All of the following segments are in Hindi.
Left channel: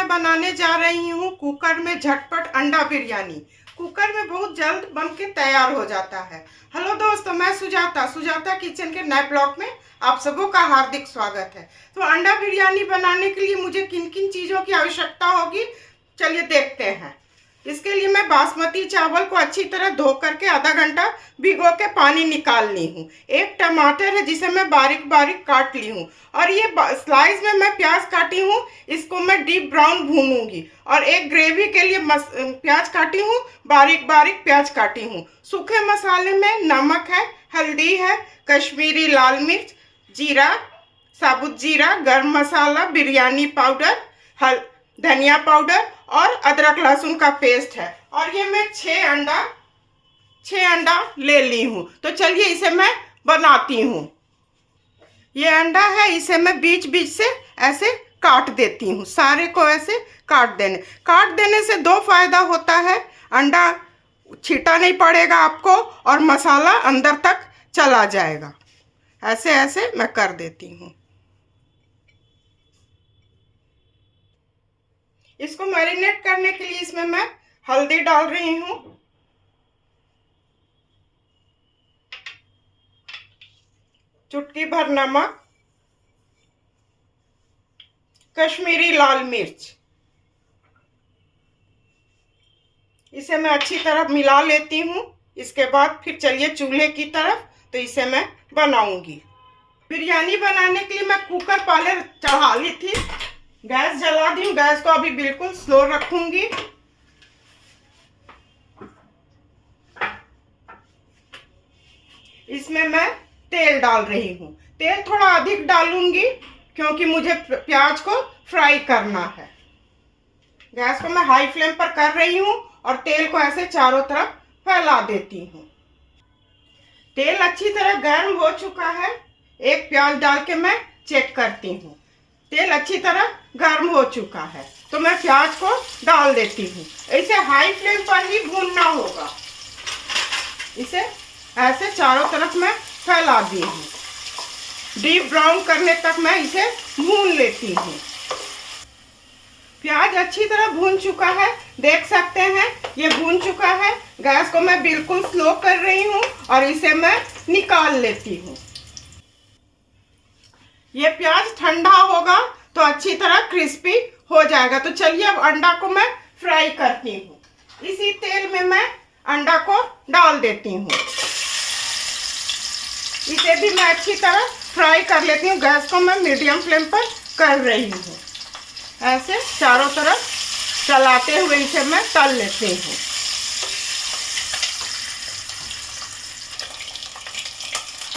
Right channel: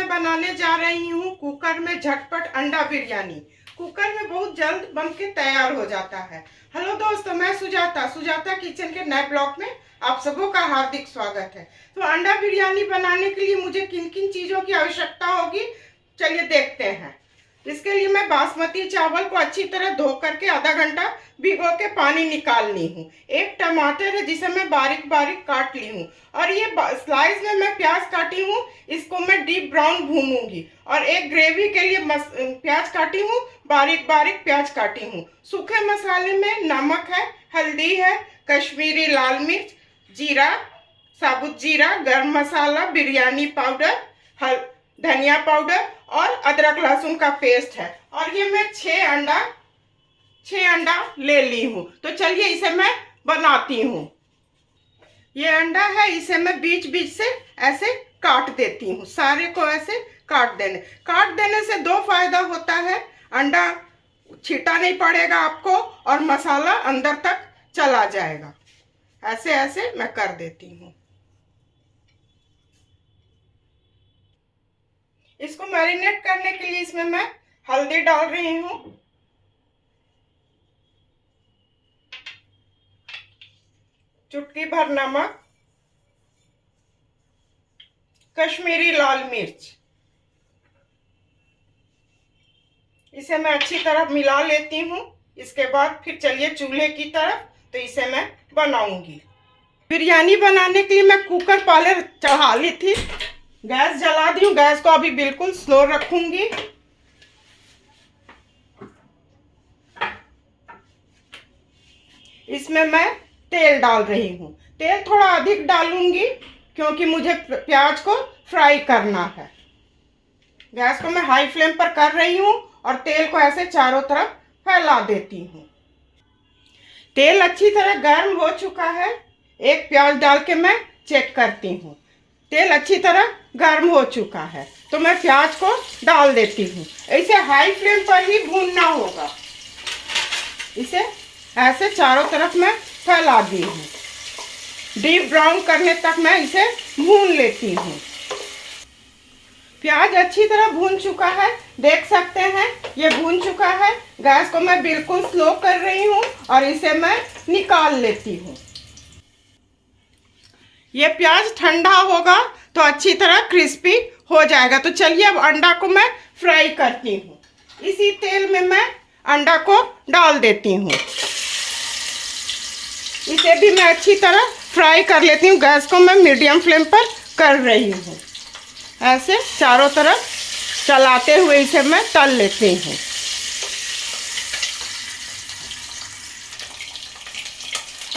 मैं बनाने जा रही हूँ कुकर में झटपट अंडा बिरयानी। कुकर में बहुत जल्द बन के तैयार हो जाता है। हेलो दोस्तों, मैं सुजाता किचन के नए ब्लॉग में आप सबों का हार्दिक स्वागत है। तो अंडा बिरयानी बनाने के लिए मुझे किन किन चीज़ों की आवश्यकता होगी, चलिए देखते हैं। इसके लिए मैं बासमती चावल को अच्छी तरह धो करके आधा घंटा भिगो के पानी निकाल ली हूँ। एक टमाटर है जिसे मैं बारीक बारीक काट ली हूँ, और ये स्लाइस में मैं प्याज काटी हूँ, इसको मैं डीप ब्राउन भूनूंगी। और एक ग्रेवी के लिए प्याज काटी हूँ, बारीक बारीक प्याज काटी हूँ। सूखे मसाले में नमक है, हल्दी है, कश्मीरी लाल मिर्च, जीरा, साबुत जीरा, गरम मसाला, बिरयानी पाउडर, धनिया पाउडर और अदरक लहसुन का पेस्ट है। और ये मैं 6 अंडा ले ली हूँ। तो चलिए इसे मैं बनाती हूँ। ये अंडा है, इसे मैं बीच बीच से ऐसे काट देती हूँ। सारे को ऐसे काट देने से दो फायदा होता है। अंडा छीटा नहीं पड़ेगा आपको और मसाला अंदर तक चला जाएगा। ऐसे ऐसे मैं कर देती हूँ। इसको मैरिनेट करने के लिए इसमें मैं हल्दी डाल रही हूँ, चुटकी भर नमक, कश्मीरी लाल मिर्च। इसे मैं अच्छी तरह मिला लेती हूँ। इसके बाद फिर चलिए चूल्हे की तरफ, तो इसे मैं बनाऊंगी। बिरयानी बनाने के लिए मैं कुकर पहले चढ़ा ली थी, गैस जला दी हूँ। गैस को अभी बिल्कुल स्लो रखूंगी। इसमें मैं तेल डाल रही हूँ। तेल थोड़ा अधिक डालूंगी क्योंकि मुझे प्याज को फ्राई करना है। गैस को मैं हाई फ्लेम पर कर रही हूँ और तेल को ऐसे चारों तरफ फैला देती हूँ। तेल अच्छी तरह गर्म हो चुका है। एक प्याज डाल के मैं चेक करती हूँ। तेल अच्छी तरह गर्म हो चुका है, तो मैं प्याज को डाल देती हूँ। इसे हाई फ्लेम पर ही भूनना होगा। इसे ऐसे चारों तरफ मैं फैला दी हूँ। डीप ब्राउन करने तक मैं इसे भून लेती हूँ। प्याज अच्छी तरह भून चुका है, देख सकते हैं ये भून चुका है। गैस को मैं बिल्कुल स्लो कर रही हूँ और इसे मैं निकाल लेती हूँ। ये प्याज ठंडा होगा तो अच्छी तरह क्रिस्पी हो जाएगा। तो चलिए अब अंडा को मैं फ्राई करती हूँ। इसी तेल में मैं अंडा को डाल देती हूँ। इसे भी मैं अच्छी तरह फ्राई कर लेती हूँ। गैस को मैं मीडियम फ्लेम पर कर रही हूँ। ऐसे चारों तरफ चलाते हुए इसे मैं तल लेती हूँ।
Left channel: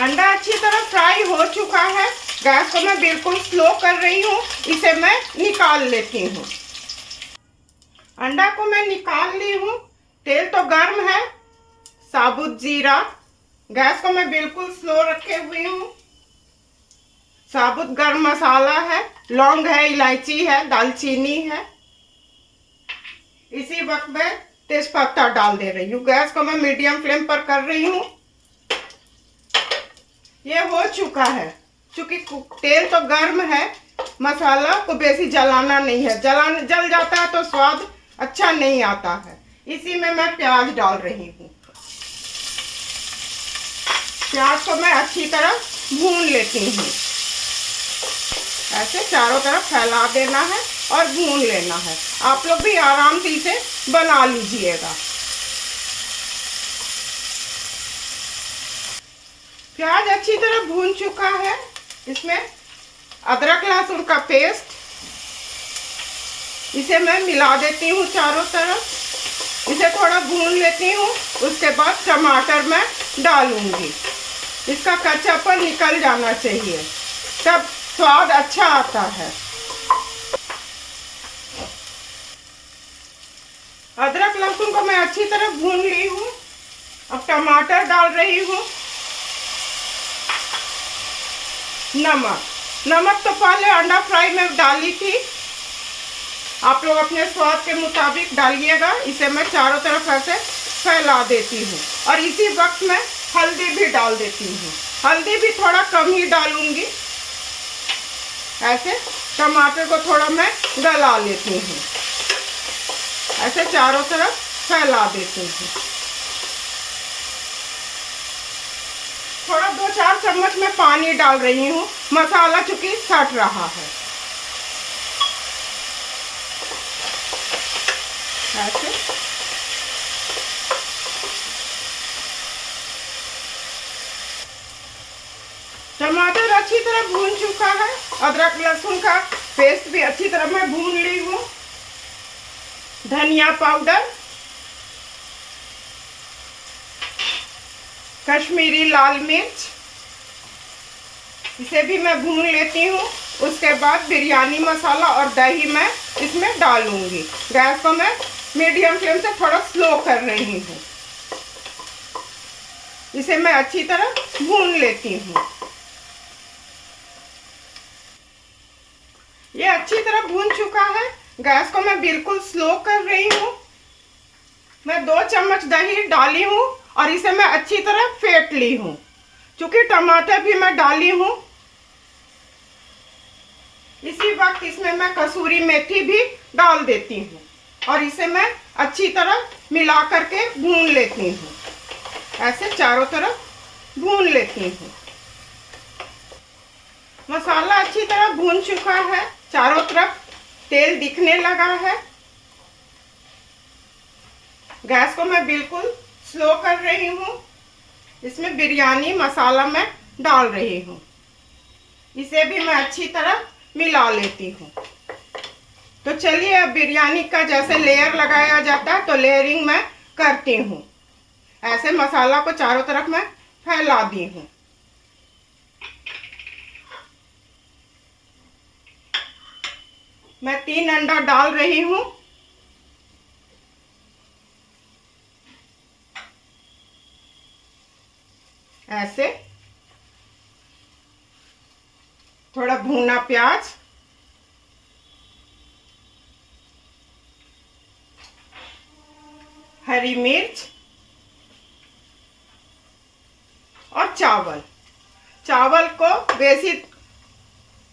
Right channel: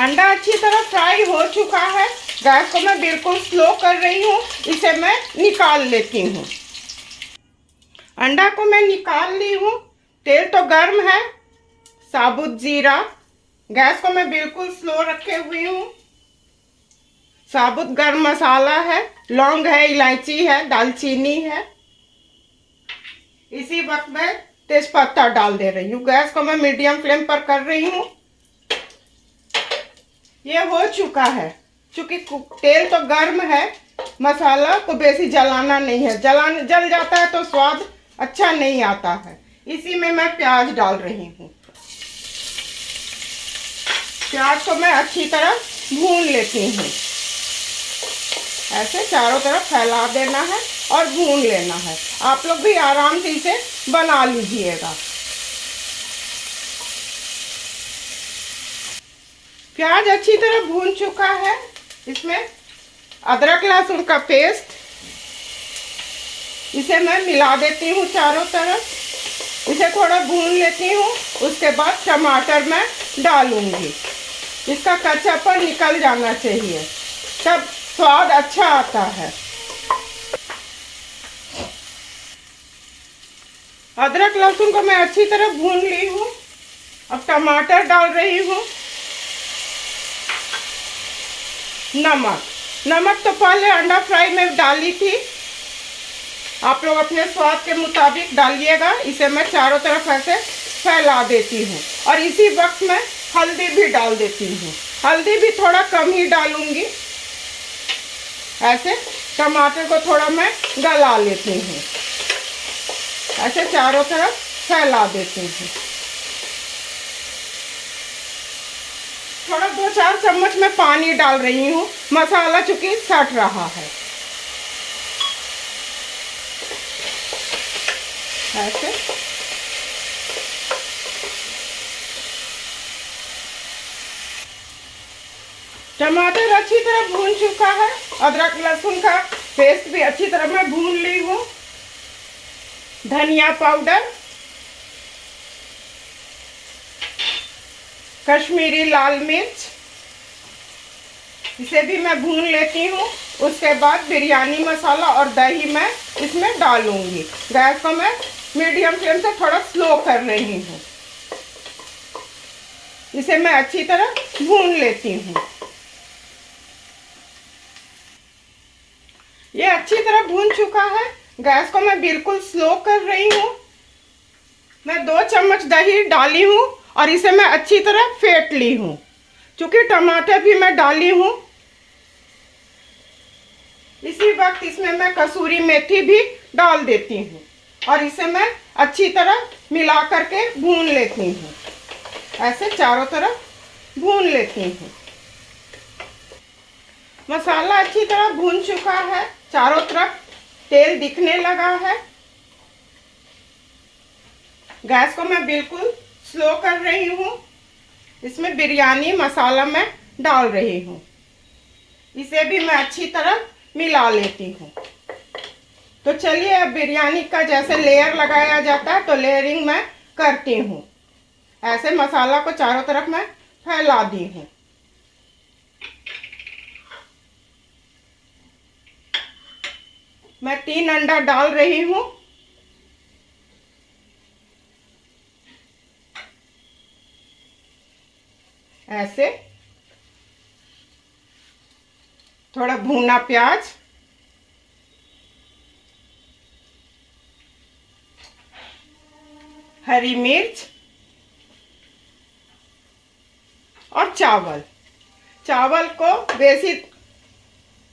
अंडा अच्छी तरह फ्राई हो चुका है। गैस को मैं बिल्कुल स्लो कर रही हूँ। इसे मैं निकाल लेती हूँ। अंडा को मैं निकाल ली हूँ। तेल तो गर्म है। साबुत जीरा, गैस को मैं बिल्कुल स्लो रखे हुई हूँ। साबुत गरम मसाला है, लौंग है, इलायची है, दालचीनी है। इसी वक्त मैं तेजपत्ता डाल दे रही हूँ। गैस को मैं मीडियम फ्लेम पर कर रही हूँ। ये हो चुका है। चूंकि तेल तो गर्म है, मसाला को बेसी जलाना नहीं है। जल जाता है तो स्वाद अच्छा नहीं आता है। इसी में मैं प्याज डाल रही हूँ। प्याज को मैं अच्छी तरह भून लेती हूँ। ऐसे चारों तरफ फैला देना है और भून लेना है। आप लोग भी आराम से इसे बना लीजिएगा। प्याज अच्छी तरह भून चुका है। इसमें अदरक लहसुन का पेस्ट, इसे मैं मिला देती हूँ चारों तरफ। इसे थोड़ा भून लेती हूँ। उसके बाद टमाटर मैं डालूंगी। इसका कच्चापन निकल जाना चाहिए, तब स्वाद अच्छा आता है। अदरक लहसुन को मैं अच्छी तरह भून ली हूँ। अब टमाटर डाल रही हूँ। नमक तो पहले अंडा फ्राई में डाली थी। आप लोग अपने स्वाद के मुताबिक डालिएगा। इसे मैं चारों तरफ ऐसे फैला देती हूँ और इसी वक्त मैं हल्दी भी डाल देती हूँ। हल्दी भी थोड़ा कम ही डालूंगी। ऐसे टमाटर को थोड़ा मैं गला लेती हूँ। ऐसे चारों तरफ फैला देती हूँ। थोड़ा 2-4 चम्मच मैं पानी डाल रही हूँ, मसाला चूंकि सट रहा है। ऐसे टमाटर अच्छी तरह भून चुका है। अदरक लहसुन का पेस्ट भी अच्छी तरह मैं भून ली हूँ। धनिया पाउडर, कश्मीरी लाल मिर्च, इसे भी मैं भून लेती हूँ। उसके बाद बिरयानी मसाला और दही मैं इसमें डालूंगी। गैस को मैं मीडियम फ्लेम से थोड़ा स्लो कर रही हूँ। इसे मैं अच्छी तरह भून लेती हूँ। ये अच्छी तरह भून चुका है। गैस को मैं बिल्कुल स्लो कर रही हूँ। मैं 2 चम्मच दही डाली हूँ और इसे मैं अच्छी तरह फेंट ली हूँ। क्योंकि टमाटर भी मैं डाली हूँ। इसी वक्त इसमें मैं कसूरी मेथी भी डाल देती हूँ और इसे मैं अच्छी तरह मिला करके भून लेती हूँ। ऐसे चारों तरफ भून लेती हूँ। मसाला अच्छी तरह भून चुका है। चारों तरफ तेल दिखने लगा है। गैस को मैं बिल्कुल स्लो कर रही हूँ। इसमें बिरयानी मसाला मैं डाल रही हूँ। इसे भी मैं अच्छी तरह मिला लेती हूँ। तो चलिए अब बिरयानी का जैसे लेयर लगाया जाता है तो लेयरिंग मैं करती हूँ। ऐसे मसाला को चारों तरफ मैं फैला दी हूँ। मैं 3 अंडा डाल रही हूँ। ऐसे थोड़ा भुना प्याज, हरी मिर्च और चावल को बेसी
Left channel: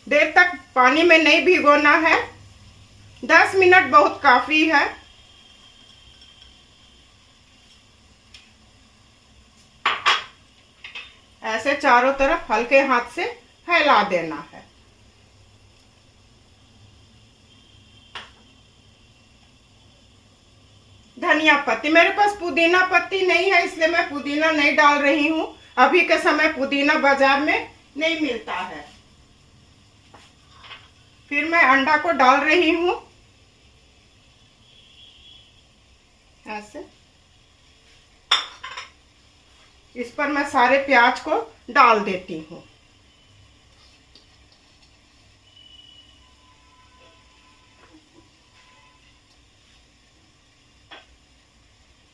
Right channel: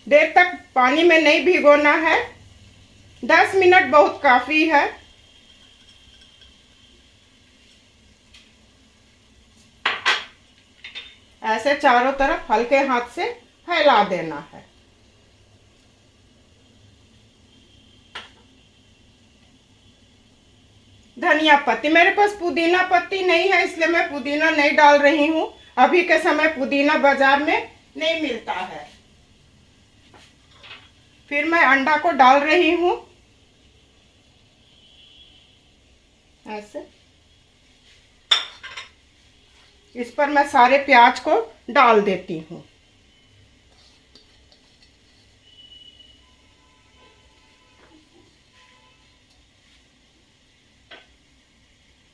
देर तक पानी में नहीं भिगोना है। 10 मिनट बहुत काफ़ी है। ऐसे चारों तरफ हल्के हाथ से फैला देना है। धनिया पत्ती, मेरे पास पुदीना पत्ती नहीं है इसलिए मैं पुदीना नहीं डाल रही हूँ। अभी के समय पुदीना बाजार में नहीं मिलता है। फिर मैं अंडा को डाल रही हूँ। ऐसे इस पर मैं सारे प्याज को डाल देती हूँ।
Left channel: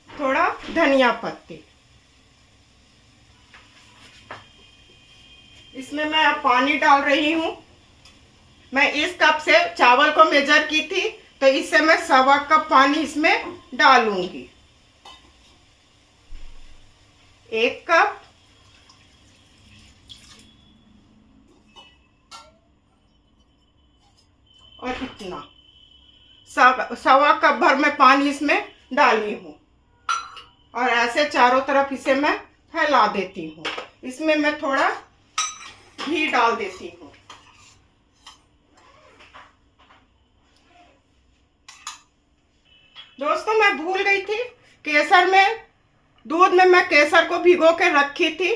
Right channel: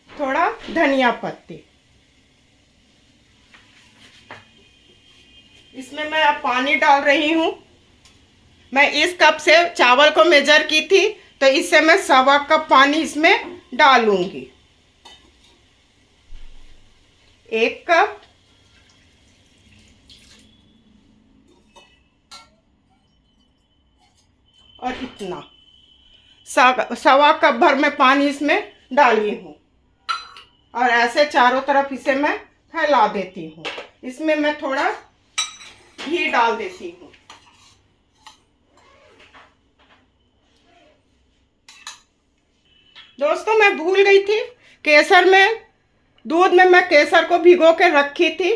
थोड़ा धनिया पत्ती। इसमें मैं अब पानी डाल रही हूँ। मैं इस कप से चावल को मेजर की थी तो इससे मैं 1.25 कप पानी इसमें डालूंगी। 1 कप, और इतना 1.25 कप भर मैं पानी इसमें डाली हूँ और ऐसे चारों तरफ इसे मैं फैला देती हूँ। इसमें मैं थोड़ा घी डाल देती हूँ। दोस्तों मैं भूल गई थी, केसर में दूध में मैं केसर को भिगो के रखी थी।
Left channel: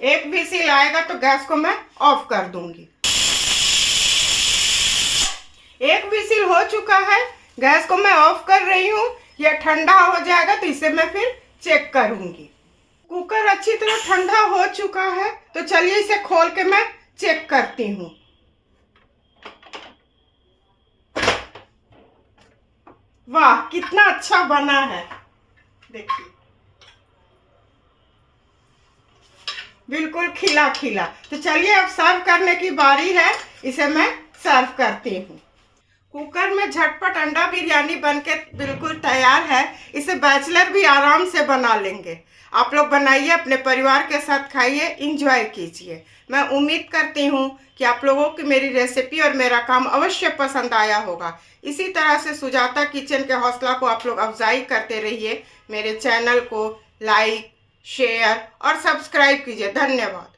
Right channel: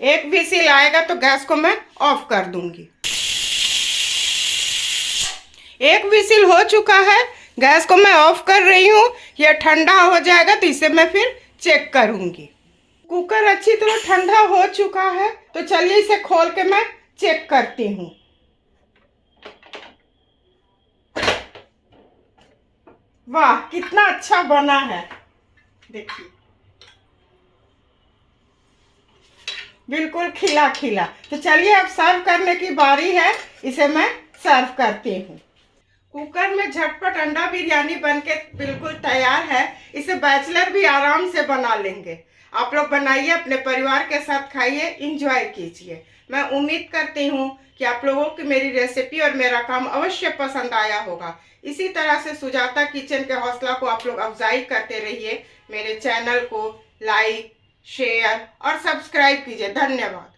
एक विसिल आएगा तो गैस को मैं ऑफ कर दूंगी। 1 विसिल हो चुका है। गैस को मैं ऑफ कर रही हूँ। यह ठंडा हो जाएगा तो इसे मैं फिर चेक करूंगी। कुकर अच्छी तरह ठंडा हो चुका है तो चलिए इसे खोल के मैं चेक करती हूँ। वाह कितना अच्छा बना है, देखिए बिल्कुल खिला खिला। तो चलिए अब सर्व करने की बारी है। इसे मैं सर्व करती हूँ। कुकर में झटपट अंडा बिरयानी बनके बिल्कुल तैयार है। इसे बैचलर भी आराम से बना लेंगे। आप लोग बनाइए, अपने परिवार के साथ खाइए, इंजॉय कीजिए। मैं उम्मीद करती हूँ कि आप लोगों की मेरी रेसिपी और मेरा काम अवश्य पसंद आया होगा। इसी तरह से सुजाता किचन के हौसला को आप लोग अफजाई करते रहिए। मेरे चैनल को लाइक, शेयर और सब्सक्राइब कीजिए। धन्यवाद।